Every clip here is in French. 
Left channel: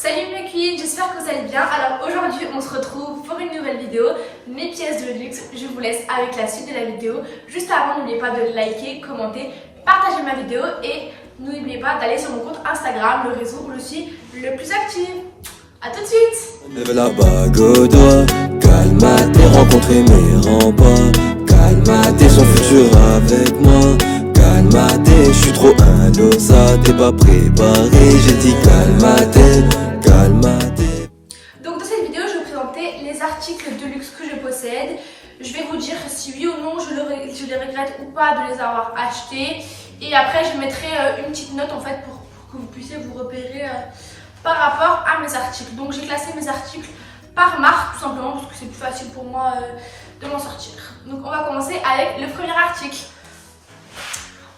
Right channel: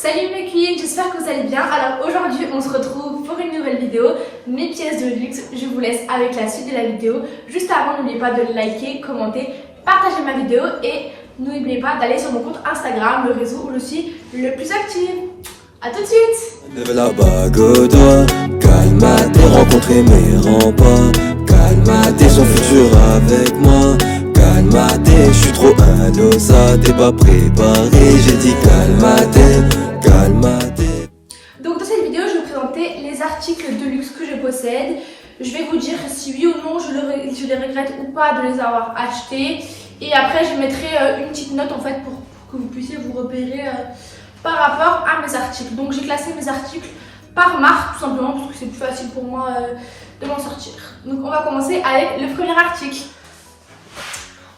Salut mes queens, j'espère que vous allez bien. Alors aujourd'hui on se retrouve pour une nouvelle vidéo, mes pièces de luxe. Je vous laisse avec la suite de la vidéo. Juste avant, n'oubliez pas de liker, commenter, partager ma vidéo et n'oubliez pas d'aller sur mon compte Instagram, le réseau où je suis le plus active. A tout de suite. Lève la bague au doigt, calme-toi, rencontrer mes remparts. Calme-toi, son futur avec moi. Calme-toi, je suis trop indosé, t'es pas préparé. J'ai dit calme-toi, calme-toi. Donc dans cette vidéo, je vais vous présenter les articles de luxe que je possède. Je vais vous dire si oui ou non je les regrette ou pas de les avoir achetés. Et après, je mettrai une petite note en fait pour que vous puissiez vous repérer par rapport à mes articles. Donc j'ai classé mes articles par marque tout simplement parce que c'est plus facile pour moi de m'en sortir. Donc on va commencer avec le premier article.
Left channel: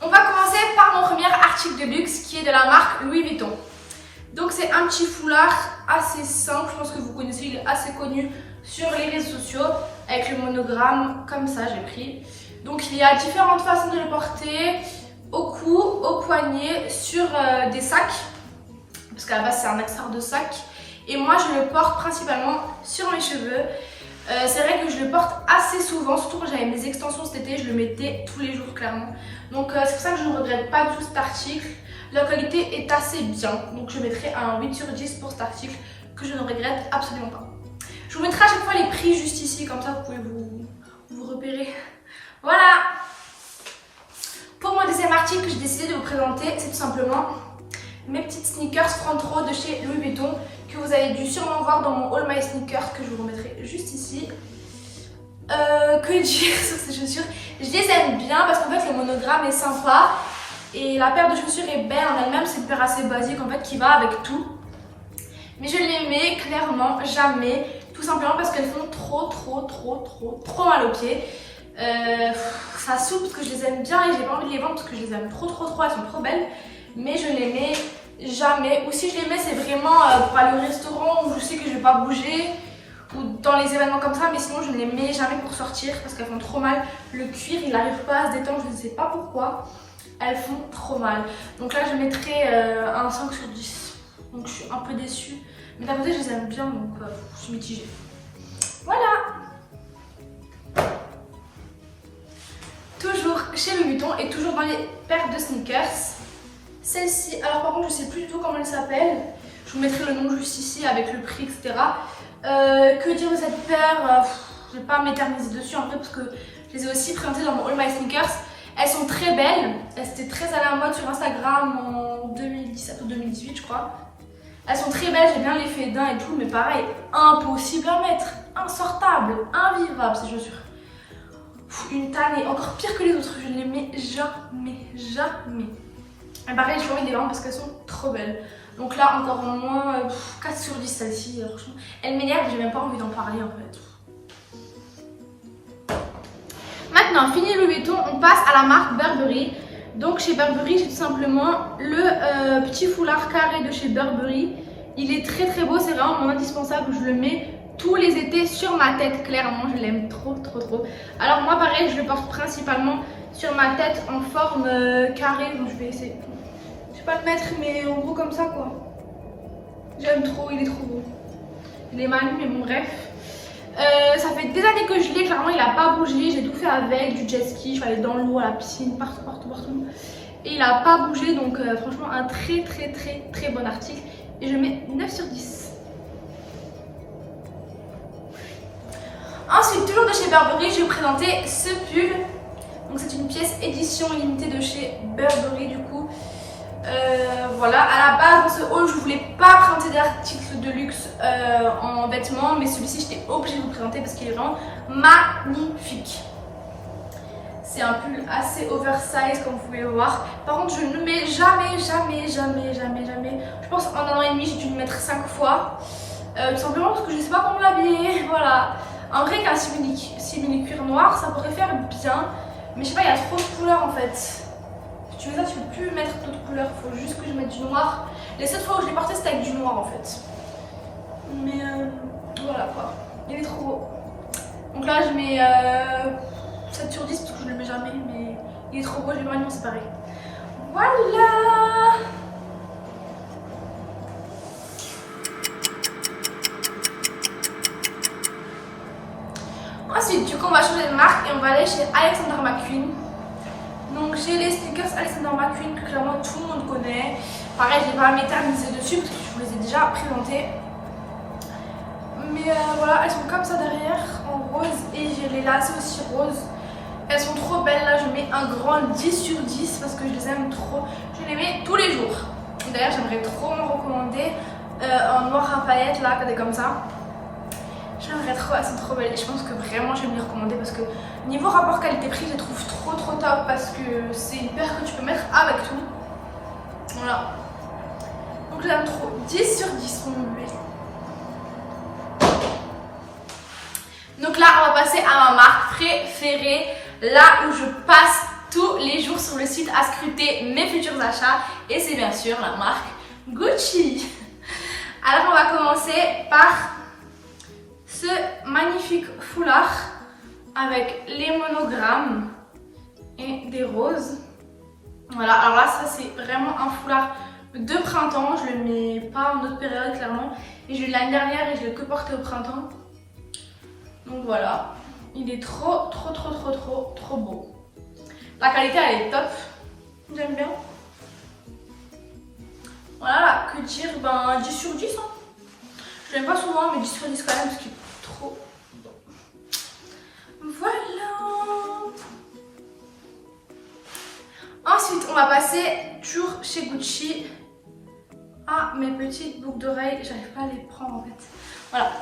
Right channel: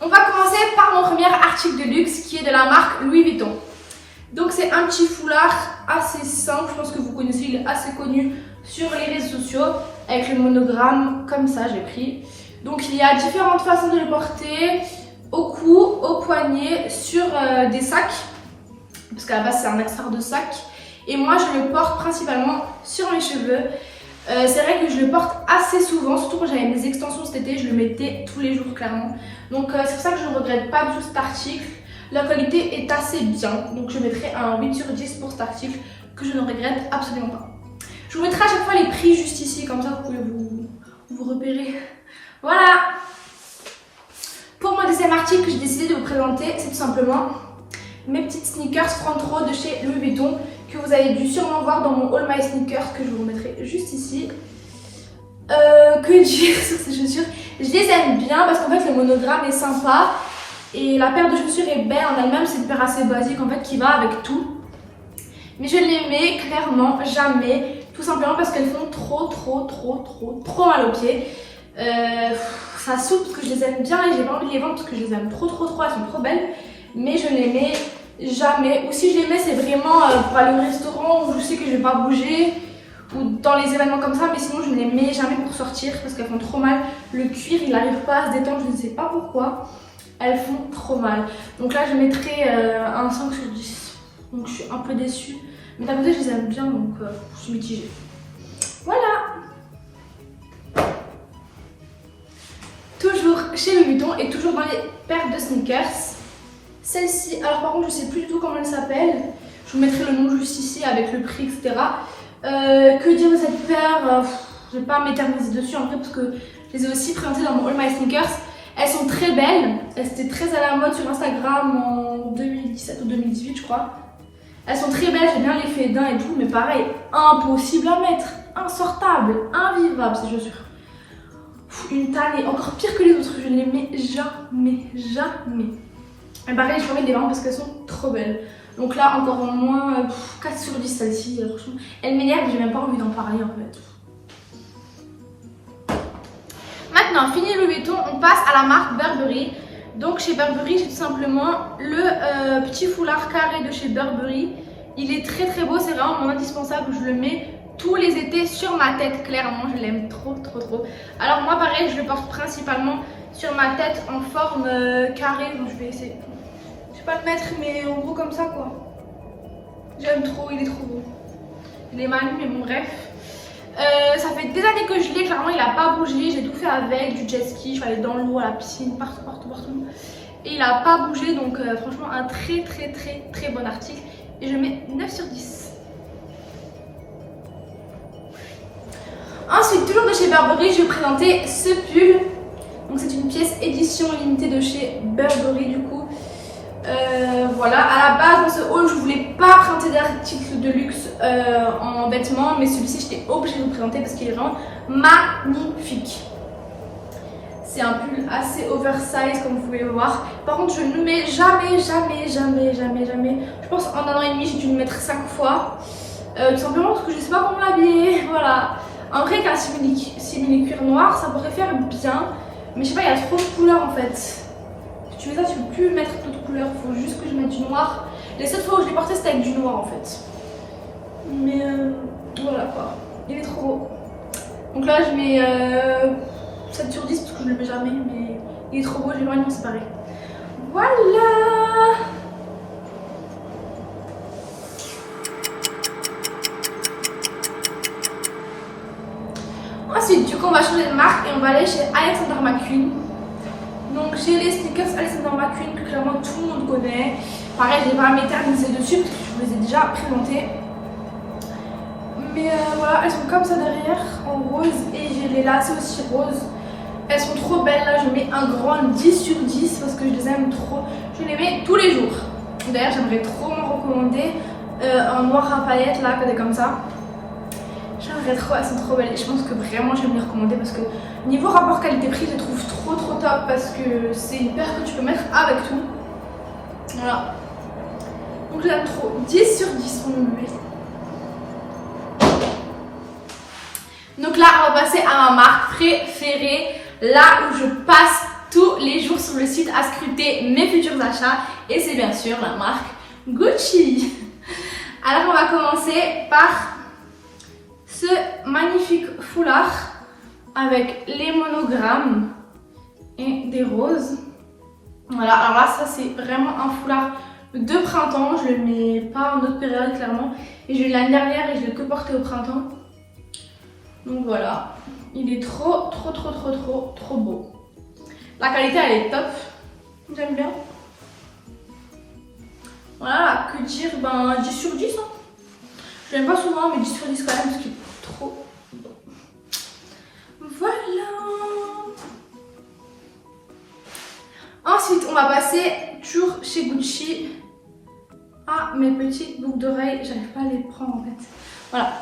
On va commencer par mon premier article de luxe qui est de la marque Louis Vuitton. Donc c'est un petit foulard assez simple, je pense que vous connaissez, il est assez connu sur les réseaux sociaux avec le monogramme comme ça j'ai pris. Donc il y a différentes façons de le porter, au cou, au poignet, sur des sacs, parce qu'à la base c'est un accessoire de sac. Et moi je le porte principalement sur mes cheveux. C'est vrai que je le porte assez souvent, surtout quand j'avais mes extensions cet été, je le mettais tous les jours clairement. Donc c'est pour ça que je ne regrette pas du tout cet article. La qualité est assez bien, donc je mettrai un 8 sur 10 pour cet article que je ne regrette absolument pas. Je vous mettrai à chaque fois les prix juste ici, comme ça vous pouvez vous repérer. Voilà. Pour mon deuxième article que j'ai décidé de vous présenter, c'est tout simplement mes petites sneakers Front Row de chez Louis Vuitton que vous avez dû sûrement voir dans mon All My Sneakers que je vous remettrai juste ici. Que dire sur ces chaussures? Je les aime bien parce qu'en fait le monogramme est sympa et la paire de chaussures est belle en elle-même. C'est une paire assez basique en fait qui va avec tout. Mais je les mets clairement jamais, tout simplement parce qu'elles font trop mal aux pieds. Ça saoule parce que je les aime bien et j'ai pas envie de les vendre parce que je les aime trop, elles sont trop belles. Mais je les mets jamais, ou si je les mets c'est vraiment pour aller au restaurant où je sais que je vais pas bouger ou dans les événements comme ça, mais sinon je ne les mets jamais pour sortir parce qu'elles font trop mal. Le cuir il n'arrive pas à se détendre, je ne sais pas pourquoi, elles font trop mal. Donc là je mettrai un 5 sur 10, donc je suis un peu déçue, mais d'un côté je les aime bien donc je suis mitigée. Voilà. Toujours chez Louis Vuitton et toujours dans les paires de sneakers. Celle-ci, alors par contre je sais plus du tout comment elle s'appelle, je vous mettrai le nom juste ici avec le prix etc. Que dire de cette paire, je vais pas m'éterniser dessus en vrai parce que je les ai aussi présentées dans mon All My Sneakers. Elles sont très belles, elles étaient très à la mode sur Instagram en 2017 ou 2018 je crois. Elles sont très belles, j'aime bien l'effet d'un et tout, mais pareil, impossible à mettre, insortable, invivable ces chaussures. Une taille encore pire que les autres, je ne les mets jamais. Et pareil, je peux mettre les vendre parce qu'elles sont trop belles. Donc là, encore au moins 4 sur 10 celle-ci. Franchement, elle m'énerve, j'ai même pas envie d'en parler en fait. Maintenant, fini Louis Vuitton, on passe à la marque Burberry. Donc chez Burberry, j'ai tout simplement le petit foulard carré de chez Burberry. Il est très beau, c'est vraiment mon indispensable. Je le mets tous les étés sur ma tête, clairement. Je l'aime trop. Alors moi, pareil, je le porte principalement sur ma tête en forme carrée. Donc je vais essayer. Je vais pas le mettre, mais en gros comme ça quoi. J'aime trop, il est trop beau. Il est mal mis, mais bon bref. Ça fait des années que je l'ai, clairement il a pas bougé. J'ai tout fait avec, du jet ski, je suis allée dans l'eau, à la piscine, partout. Et il a pas bougé, donc franchement un très bon article. Et je mets 9 sur 10. Ensuite, toujours de chez Burberry, je vais vous présenter ce pull. Donc c'est une pièce édition limitée de chez Burberry du coup. Voilà, à la base dans ce haul je voulais pas présenter d'articles de luxe en vêtements, mais celui-ci j'étais obligée de vous présenter parce qu'il est vraiment magnifique. C'est un pull assez oversize comme vous pouvez le voir. Par contre je ne mets jamais. Je pense en 1 an et demi j'ai dû le mettre 5 fois. Tout simplement parce que je sais pas comment l'habiller. Voilà. En vrai qu'un simili cuir noir ça pourrait faire bien. Mais je sais pas, il y a trop de couleurs en fait. Si tu veux ça, tu peux plus mettre d'autres couleurs, il faut juste que je mette du noir. Les seules fois où je l'ai porté, c'était avec du noir en fait. Mais voilà quoi, il est trop beau. Donc là, je mets 7 sur 10 parce que je le mets jamais, mais il est trop beau, je vais pas m'en séparer. Voilà. Ensuite, du coup, on va changer de marque et on va aller chez Alexander McQueen. Donc, j'ai les sneakers Alexander McQueen que clairement tout le monde connaît. Pareil, je vais pas m'éterniser dessus parce que je vous les ai déjà présentés. Mais voilà, elles sont comme ça derrière, en rose, et j'ai les lacets aussi roses. Elles sont trop belles, là je mets un grand 10 sur 10 parce que je les aime trop. Je les mets tous les jours. D'ailleurs, j'aimerais trop m'en recommander en noir Rafayette, là, comme ça. J'aimerais trop, elles sont trop belles et je pense que vraiment je vais me les recommander parce que niveau rapport qualité-prix, je les trouve trop top parce que c'est une paire que tu peux mettre avec tout. Voilà. Donc je l'aime trop. 10 sur 10 on me met. Donc là, on va passer à ma marque préférée, là où je passe tous les jours sur le site à scruter mes futurs achats. Et c'est bien sûr la marque Gucci. Alors on va commencer par ce magnifique foulard avec les monogrammes et des roses. Voilà, alors là, ça c'est vraiment un foulard de printemps. Je le mets pas en autre période clairement. Et je l'ai eu l'année dernière et je l'ai que porté au printemps. Donc voilà, il est trop beau. La qualité elle est top, j'aime bien. Voilà, que dire, ben 10 sur 10 hein. Je l'aime pas souvent mais 10 sur 10 quand même parce qu'il est trop beau. Voilà. Ensuite on va passer toujours chez Gucci à mes petites boucles d'oreilles. J'arrive pas à les prendre en fait. Voilà.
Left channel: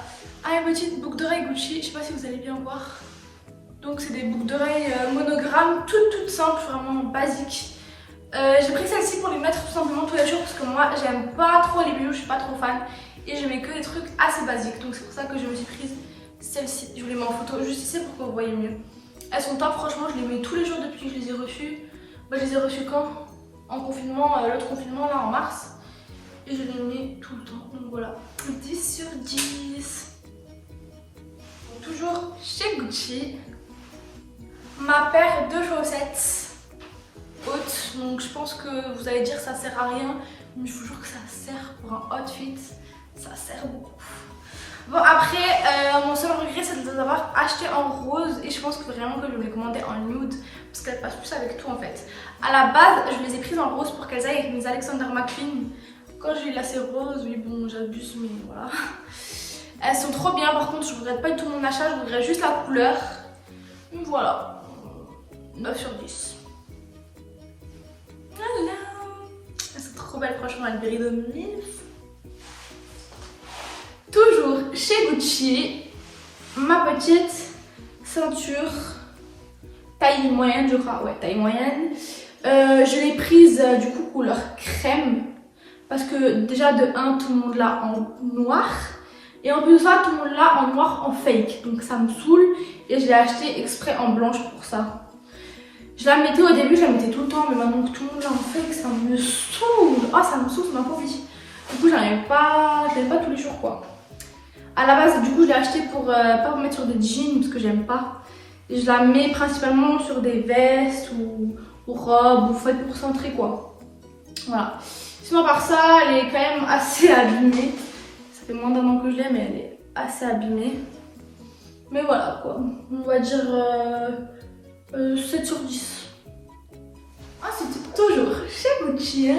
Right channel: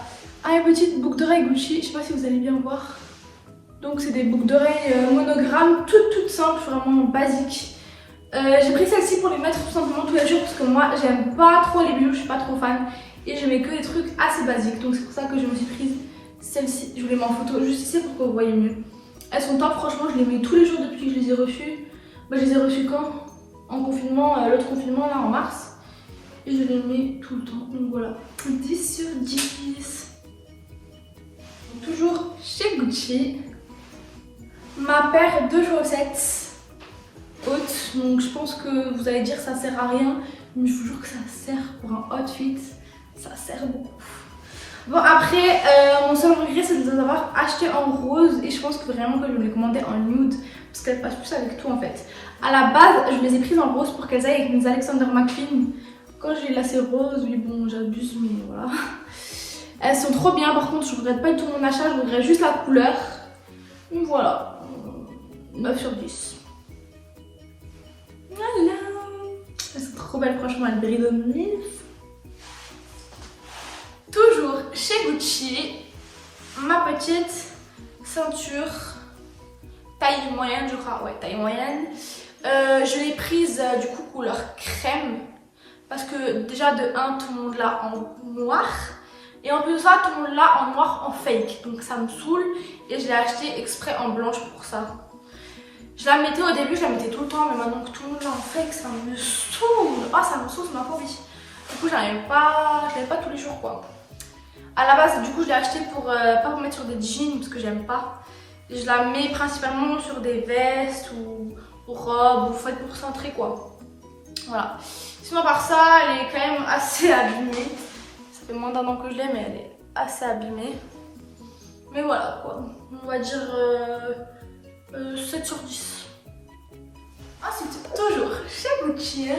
Ah, une petite boucle d'oreille Gucci, je sais pas si vous allez bien voir. Donc c'est des boucles d'oreilles monogrammes, toutes simples, vraiment basiques. J'ai pris celle-ci pour les mettre tout simplement tous les jours parce que moi j'aime pas trop les bijoux, je suis pas trop fan. Et je mets que des trucs assez basiques, donc c'est pour ça que je me suis prise celle-ci. Je vous les mets en photo juste ici pour que vous voyez mieux. Elles sont top, franchement je les mets tous les jours depuis que je les ai reçues. Bah, je les ai reçues quand? En confinement, l'autre confinement là en mars. Et je les mets tout le temps, donc voilà. 10 sur 10. Toujours chez Gucci, ma paire de chaussettes hautes. Donc je pense que vous allez dire ça sert à rien, mais je vous jure que ça sert pour un outfit, ça sert beaucoup. Bon après, mon seul regret c'est de les avoir achetés en rose et je pense que vraiment que je vais les commander en nude parce qu'elles passent plus avec tout en fait. À la base, je les ai prises en rose pour qu'elles aillent avec mes Alexander McQueen. Quand j'ai eu lacets rose, oui bon j'abuse mais voilà. Elles sont trop bien, par contre je regrette pas du tout mon achat, je regrette juste la couleur. Donc voilà, 9 sur 10. Voilà. Elles sont trop belles franchement, elles brillent de mille. Toujours chez Gucci, ma petite ceinture taille moyenne je crois, ouais taille moyenne. Je l'ai prise du coup couleur crème parce que déjà de 1 tout le monde l'a en noir. Et en plus de ça, tout le monde l'a en noir en fake. Donc ça me saoule. Et je l'ai acheté exprès en blanche pour ça. Je la mettais au début, je la mettais tout le temps. Mais maintenant que tout le monde l'a en fake, ça me saoule. Ah, ça me saoule, c'est ma phobie. Du coup, je l'avais pas tous les jours quoi. À la base, du coup, je l'ai acheté pour pas vous mettre sur des jeans parce que j'aime pas. Et je la mets principalement sur des vestes ou robes ou faites pour centrer quoi. Voilà. Sinon, par ça, elle est quand même assez abîmée. Ça fait moins d'un an que je l'ai, mais elle est assez abîmée. Mais voilà quoi, on va dire 7 sur 10. Ensuite, toujours chez Gucci,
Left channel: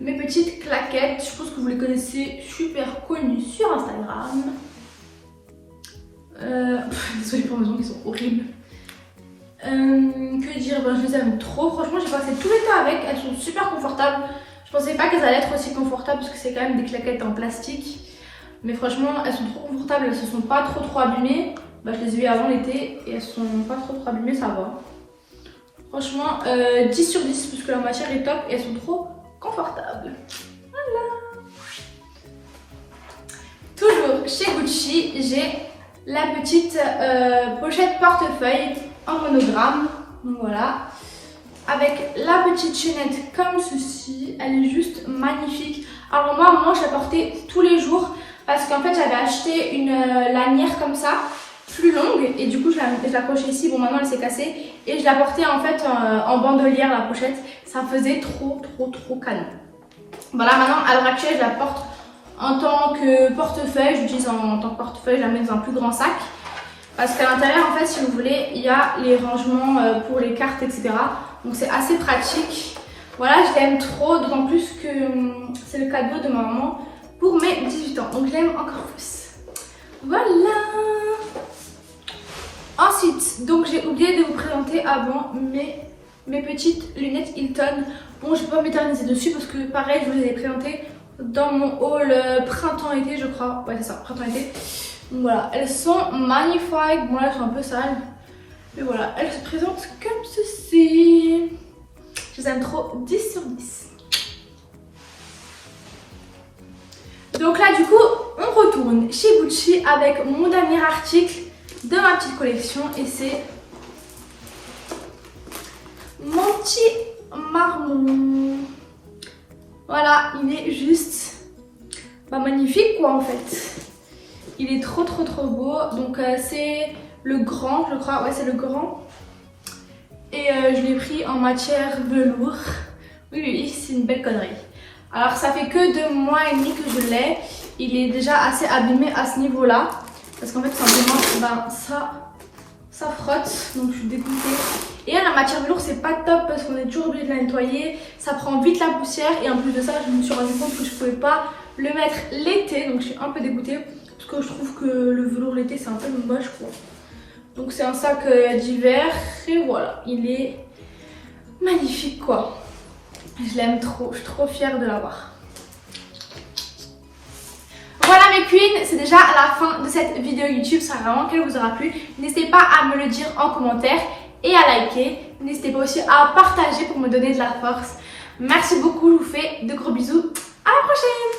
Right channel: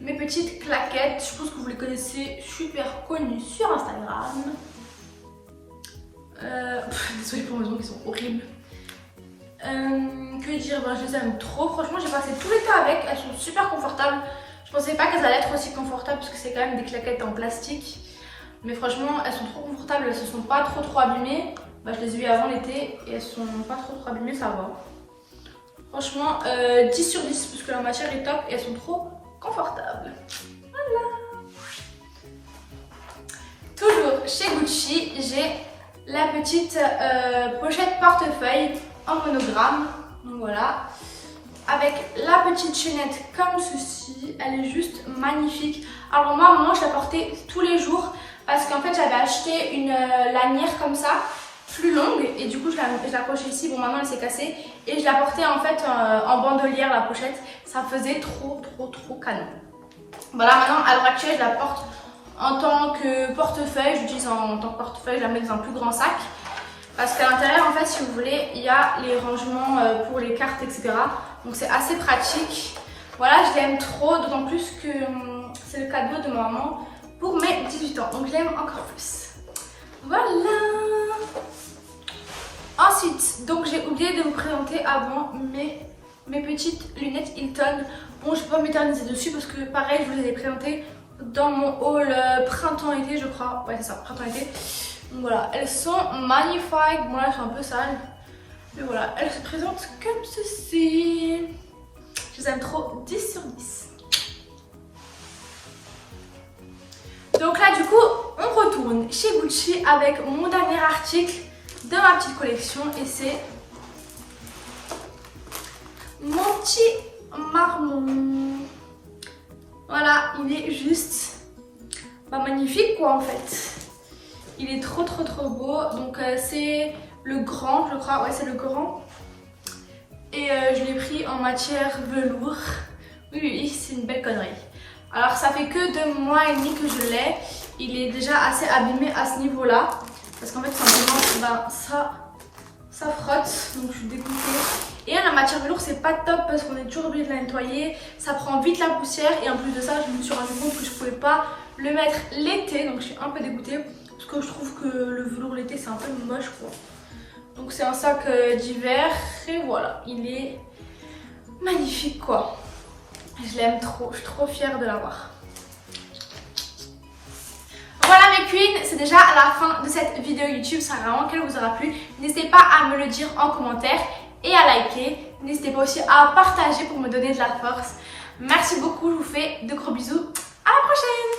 mes petites claquettes. Je pense que vous les connaissez, super connues sur Instagram. Désolée pour mes ongles qui sont horribles. Que dire, ben, je les aime trop. Franchement, j'ai passé tout l'été avec. Elles sont super confortables. Je pensais pas qu'elles allaient être aussi confortables parce que c'est quand même des claquettes en plastique. Mais franchement, elles sont trop confortables. Elles se sont pas trop abîmées. Bah, je les ai eues avant l'été et elles sont pas trop abîmées, ça va. Franchement, 10 sur 10 puisque la matière est top et elles sont trop confortables. Voilà. Toujours chez Gucci, j'ai la petite pochette portefeuille en monogramme. Donc voilà. Avec la petite chaînette comme ceci, elle est juste magnifique. Alors moi je la portais tous les jours parce qu'en fait j'avais acheté une lanière comme ça, plus longue, et du coup je l'accrochais ici. Bon, maintenant elle s'est cassée et je la portais en fait en bandolière, la pochette. Ça faisait trop canon. Voilà, maintenant à l'heure actuelle je la porte en tant que portefeuille. J'utilise en tant que portefeuille, je la mets dans un plus grand sac. Parce qu'à l'intérieur, en fait, si vous voulez, il y a les rangements pour les cartes, etc. Donc c'est assez pratique. Voilà, je l'aime trop, d'autant plus que c'est le cadeau de ma maman pour mes 18 ans. Donc je l'aime encore plus. Voilà. Ensuite, donc j'ai oublié de vous présenter avant mes petites lunettes Hilton. Bon, je ne vais pas m'éterniser dessus parce que pareil, je vous les ai présentées dans mon haul printemps-été, je crois. Ouais, c'est ça, printemps-été. Donc voilà, elles sont magnifiques. Bon, là, elles sont un peu sales. Mais voilà, elles se présentent comme ceci. Je les aime trop, 10 sur 10. Donc là, du coup, on retourne chez Gucci avec mon dernier article de ma petite collection. Et c'est mon petit marmot. Voilà, il est juste magnifique quoi en fait. Il est trop beau. Donc c'est le grand, je crois. Ouais, c'est le grand. Et je l'ai pris en matière velours. Oui, c'est une belle connerie. Alors ça fait que 2 mois et demi que je l'ai. Il est déjà assez abîmé à ce niveau-là. Parce qu'en fait, simplement, ça frotte. Donc je suis dégoûtée. Et la matière velours, c'est pas top parce qu'on est toujours obligé de la nettoyer. Ça prend vite la poussière. Et en plus de ça, je me suis rendu compte que je pouvais pas le mettre l'été. Donc je suis un peu dégoûtée. Parce que je trouve que le velours l'été, c'est un peu moche quoi. Donc c'est un sac d'hiver. Et voilà, il est magnifique quoi. Je l'aime trop. Je suis trop fière de l'avoir. Voilà mes queens, c'est déjà la fin de cette vidéo YouTube. J'espère vraiment qu'elle vous aura plu. N'hésitez pas à me le dire en commentaire et à liker. N'hésitez pas aussi à partager pour me donner de la force. Merci beaucoup, je vous fais de gros bisous. À la prochaine!